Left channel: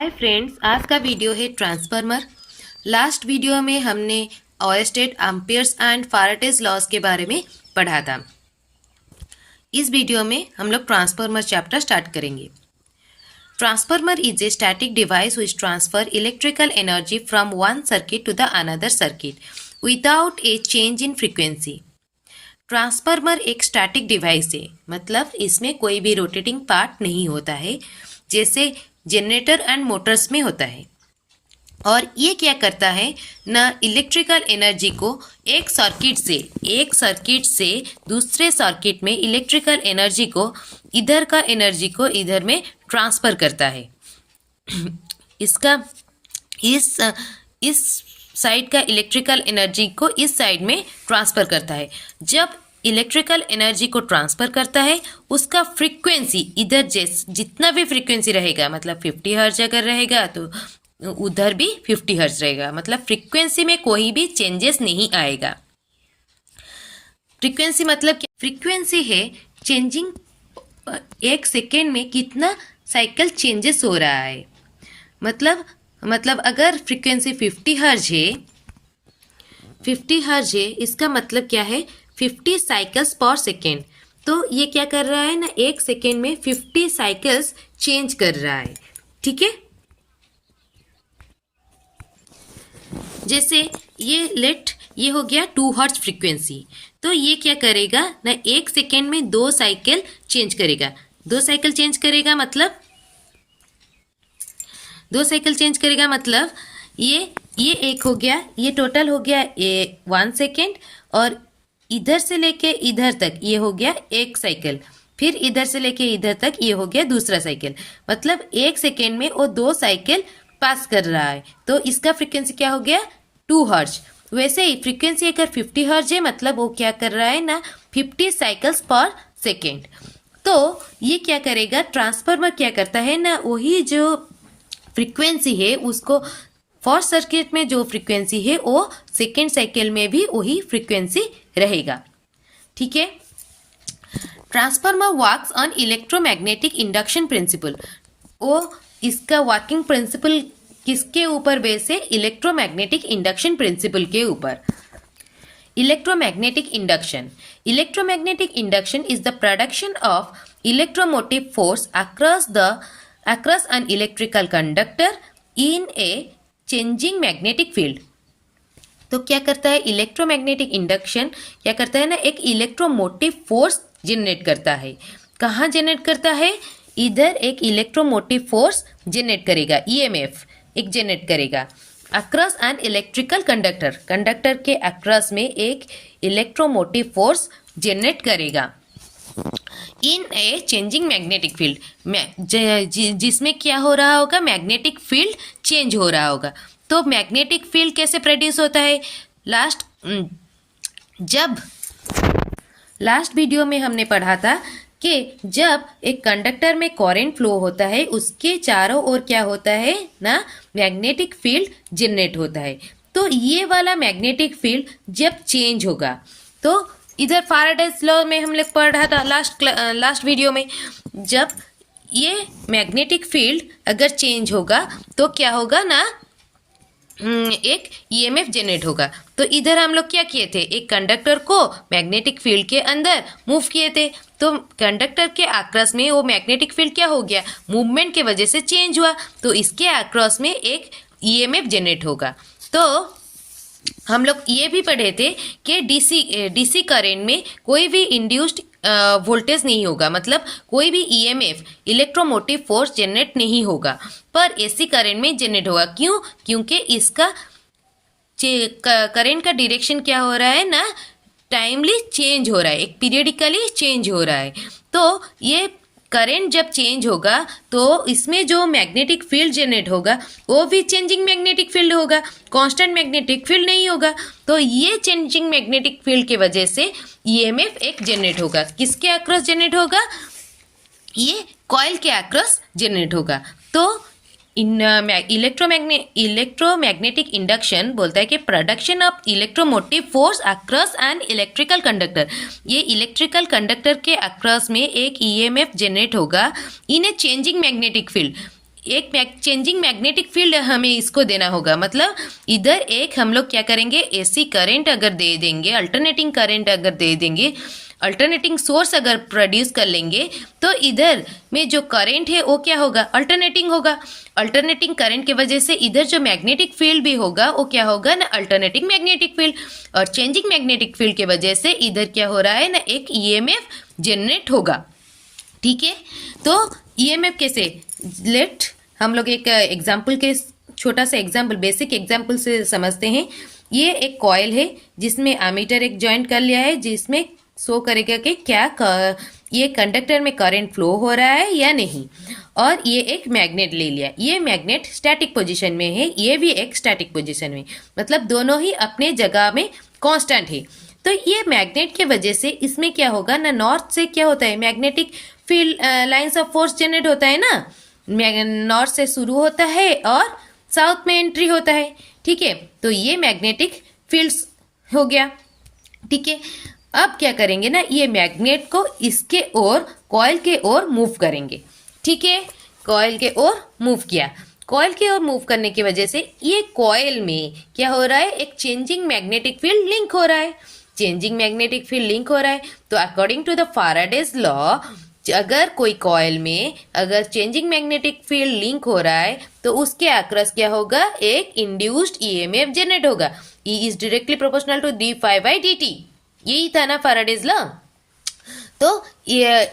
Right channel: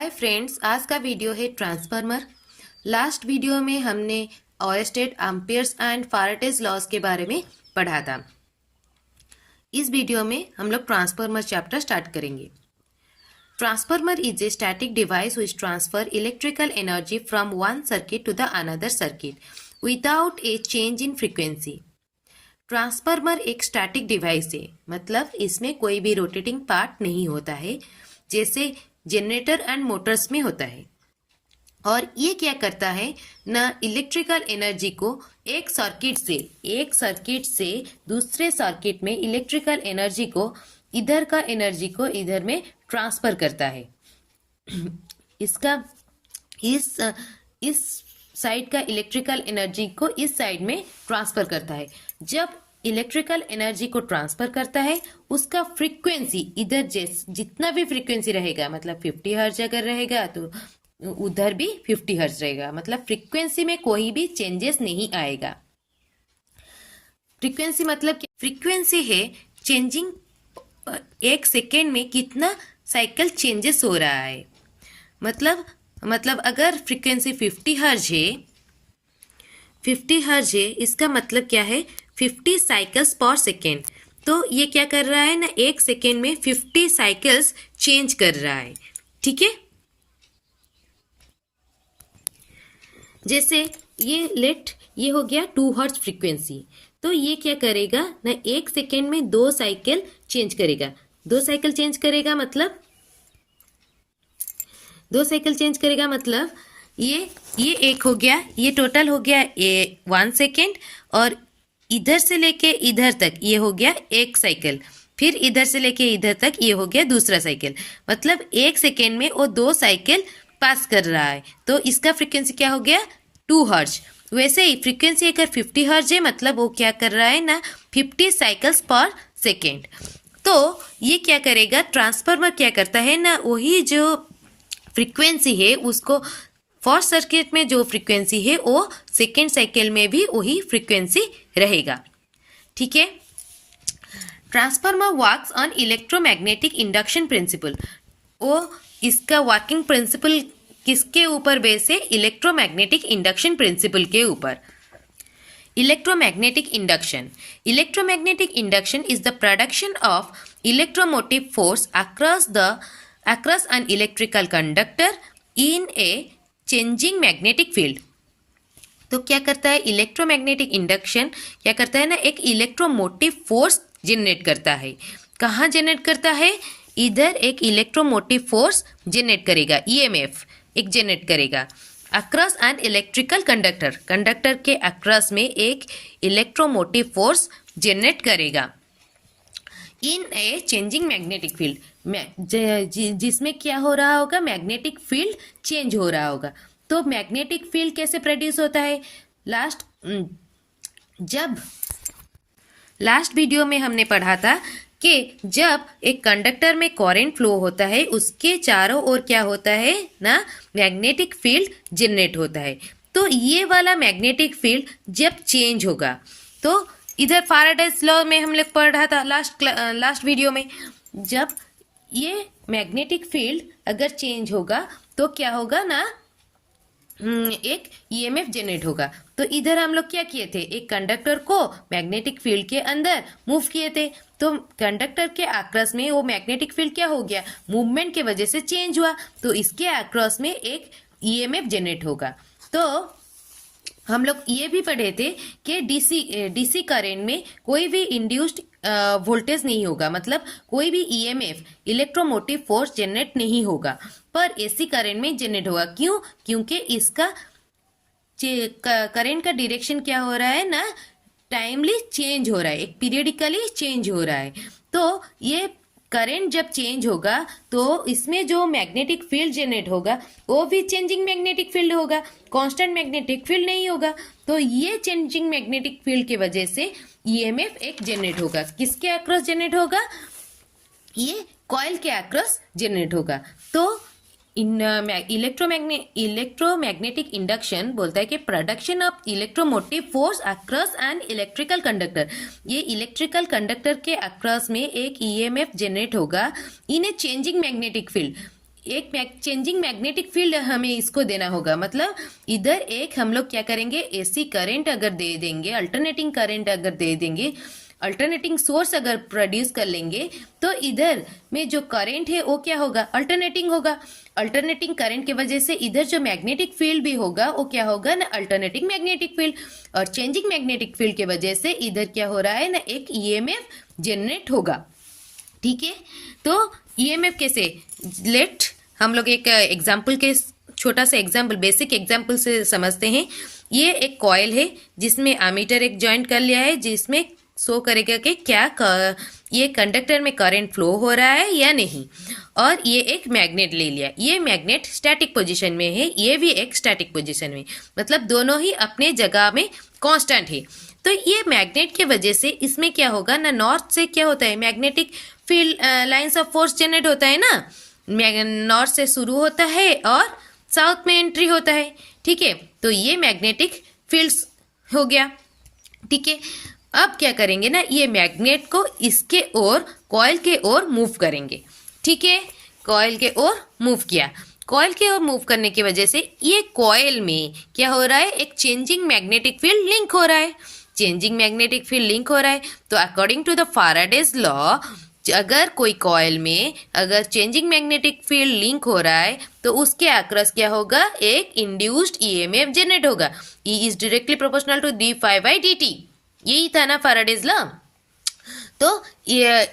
Hi friends, आज का video है ट्रांसफार्मर। लास्ट वीडियो में हमने ओयरस्टेड, एम्पियर्स एंड फैराडेज लॉज के बारे में पढ़ा था। इस वीडियो में हम लोग ट्रांसफार्मर चैप्टर स्टार्ट करेंगे। Transformer is a static device which transfer electrical energy from one circuit to the another circuit without a change in frequency. Transformer एक स्टैटिक डिवाइस है, मतलब इसमें कोई भी रोटेटिंग पार्ट नहीं होता है, जैसे जनरेटर एंड मोटर्स में होता है। और ये क्या करता है ना, इलेक्ट्रिकल एनर्जी को एक सर्किट से दूसरे सर्किट में इलेक्ट्रिकल एनर्जी को इधर का एनर्जी को इधर में ट्रांसफर करता है। इसका इस साइड का इलेक्ट्रिकल एनर्जी को इस साइड में ट्रांसफर करता है। जब इलेक्ट्रिकल एनर्जी को ट्रांसफर करता है, उसका फ्रीक्वेंसी इधर जितना भी फ्रीक्वेंसी रहेगा, मतलब 50 हर्ट्ज अगर रहेगा तो उधर भी 50 हर्ट्ज रहेगा, मतलब फ्रीक्वेंसी में कोई भी चेंजेस नहीं आएगा। फ्रीक्वेंसी मतलब क्या? फ्रीक्वेंसी है चेंजिंग, एक सेकेंड में कितना साइकिल चेंजेस हो रहा है। मतलब अगर फ्रीक्वेंसी 50 हर्ज है, इसका मतलब क्या है, 50 साइकिल्स पर सेकेंड। तो ये क्या कर रहा है ना, एक सेकेंड में 50 साइकिल्स चेंज कर रहा है। ठीक है, जैसे ये हो गया 2 हर्ट्ज फ्रीक्वेंसी। तो ये क्या करेगा ना, एक सेकेंड में 2 साइकिल चेंज करेगा। 2 साइकिल चेंज करेगा मतलब ये एक हो गया, ये टोटल हो गया 1 सेकेंड, और इधर से लेके इधर तक ये हो गया एक साइकिल, फिर इधर से लेके इधर तक ये हो गया दूसरा साइकिल। मतलब एक सेकेंड में वो 2 साइकिल पास कर रहा है। तो इसका फ्रीक्वेंसी क्या हो गया, 2 हर्ट्ज। वैसे ही फ्रीक्वेंसी अगर 50 हर्ट्ज है, मतलब वो क्या कर रहा है ना, 50 साइकिल्स पर सेकेंड। तो ये क्या करेगा, ट्रांसफार्मर क्या करता है ना, वही जो फ्रीक्वेंसी है उसको, फर्स्ट सर्किट में जो फ्रीक्वेंसी है वो सेकेंड साइकिल में भी वही फ्रीक्वेंसी रहेगा। ठीक है, transformer works on electromagnetic induction principal. वो इसका वर्किंग प्रिंसिपल किसके ऊपर बेस है, इलेक्ट्रोमैग्नेटिक इंडक्शन प्रिंसिपल के ऊपर। Electromagnetic induction is the production of electromotive force across an electrical conductor in a changing magnetic field। तो क्या करता है इलेक्ट्रोमैग्नेटिक इंडक्शन, क्या करता है ना, एक इलेक्ट्रोमोटिव फोर्स जनरेट करता है। कहाँ जनरेट करता है, इधर एक इलेक्ट्रोमोटिव फोर्स जनरेट करेगा, ईएमएफ एक जनरेट करेगा अक्रॉस एन इलेक्ट्रिकल कंडक्टर के अक्रॉस में एक इलेक्ट्रोमोटिव फोर्स जनरेट करेगा इन ए चेंजिंग मैग्नेटिक फील्ड, जिसमें क्या हो रहा होगा, मैग्नेटिक फील्ड चेंज हो रहा होगा। तो मैग्नेटिक फील्ड कैसे प्रोड्यूस होता है, लास्ट वीडियो में हमने पढ़ा था कि जब एक कंडक्टर में करंट फ्लो होता है, उसके चारों ओर क्या होता है ना, मैग्नेटिक फील्ड जनरेट होता है। तो ये वाला मैग्नेटिक फील्ड जब चेंज होगा, तो इधर फैराडेज लॉ में हम लोग पढ़ा था लास्ट वीडियो में, जब ये मैग्नेटिक फील्ड अगर चेंज होगा तो क्या होगा ना, एक ईएमएफ जनरेट होगा। तो इधर हम लोग क्या किए थे, एक कंडक्टर को मैग्नेटिक फील्ड के अंदर मूव किए थे। तो कंडक्टर के अक्रॉस में वो मैग्नेटिक फील्ड क्या हो गया, मूवमेंट के वजह से चेंज हुआ, तो इसके अक्रॉस में एक ईएमएफ जनरेट होगा। तो हम लोग ये भी पढ़े थे कि डीसी करंट में कोई भी इंड्यूस्ड वोल्टेज नहीं होगा, मतलब कोई भी ईएमएफ इलेक्ट्रोमोटिव फोर्स जनरेट नहीं होगा, पर एसी करंट में जनरेट होगा। क्यों? क्योंकि इसका करंट का डायरेक्शन क्या हो रहा है ना, टाइमली चेंज हो रहा है, एक पीरियडिकली चेंज हो रहा है। तो ये करंट जब चेंज होगा तो इसमें जो मैग्नेटिक फील्ड जनरेट होगा वो भी चेंजिंग मैग्नेटिक फील्ड होगा, कांस्टेंट मैग्नेटिक फील्ड नहीं होगा। तो ये चेंजिंग मैग्नेटिक फील्ड के वजह से ईएमएफ एक जनरेट होगा। किसके अक्रॉस जनरेट होगा, ये कॉइल के अक्रॉस जनरेट होगा। तो इलेक्ट्रोमैग्नेटिक इंडक्शन बोलता है कि production of electromotive force across an electrical conductor. ये इलेक्ट्रिकल कंडक्टर के अक्रॉस में एक ईएमएफ जनरेट होगा इन ए चेंजिंग मैग्नेटिक फील्ड। एक चेंजिंग मैग्नेटिक फील्ड हमें इसको देना होगा। मतलब इधर एक हम लोग क्या करेंगे, एसी करंट अगर दे देंगे, अल्टरनेटिंग करंट अगर दे देंगे, अल्टरनेटिंग सोर्स अगर प्रोड्यूस कर लेंगे, तो इधर में जो करंट है वो क्या होगा, अल्टरनेटिंग होगा। अल्टरनेटिंग करंट की वजह से इधर जो मैग्नेटिक फील्ड भी होगा वो क्या होगा ना, अल्टरनेटिंग मैग्नेटिक फील्ड। और चेंजिंग मैग्नेटिक फील्ड की वजह से इधर क्या हो रहा है ना, एक ईएमएफ जनरेट होगा। ठीक है, तो ईएमएफ कैसे, लेट हम लोग एक एग्जाम्पल के छोटा सा एग्जाम्पल, बेसिक एग्जाम्पल से समझते हैं। ये एक कॉइल है जिसमें एमीटर एक ज्वाइंट कर लिया है, जिसमें शो करेगा कि क्या ये कंडक्टर में करंट फ्लो हो रहा है या नहीं। और ये एक मैग्नेट ले लिया, ये मैग्नेट स्टैटिक पोजीशन में है, ये भी एक स्टैटिक पोजीशन में, मतलब दोनों ही अपने जगह में कांस्टेंट है। तो ये मैग्नेट के वजह से इसमें क्या होगा ना, नॉर्थ से क्या होता है, magnetic field lines of force generate होता है ना, नॉर्थ से शुरू होता है और साउथ में एंट्री होता है। ठीक है, तो ये मैग्नेटिक फील्ड्स हो गया। ठीक है, अब क्या करेंगे ना, ये मैग्नेट को इसके ओर, कॉइल के ओर मूव करेंगे। ठीक है, कॉइल के ओर मूव किया, कॉइल के ओर मूव करने की वजह से ये कॉइल में क्या हो रहा है, एक चेंजिंग मैग्नेटिक फील्ड लिंक हो रहा है। चेंजिंग मैग्नेटिक फील्ड लिंक हो रहा है, तो according to the Faraday's law, अगर कोई कॉइल में अगर चेंजिंग मैग्नेटिक फील्ड लिंक हो रहा है तो उसके अक्रॉस क्या होगा, एक इंड्यूस्ड ईएमएफ जनरेट होगा। E is directly proportional to d phi by d t, यही था ना फैराडेज लॉ। तो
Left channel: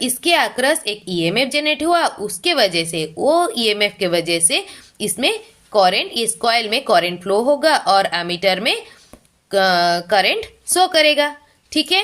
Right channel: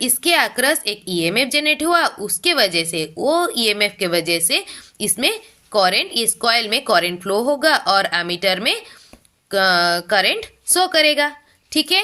इसके अक्रॉस एक ईएमएफ जनरेट हुआ, उसके वजह से, वो ईएमएफ के वजह से इसमें करंट, इस कॉइल में करंट फ्लो होगा और एमीटर में करंट शो करेगा। ठीक है।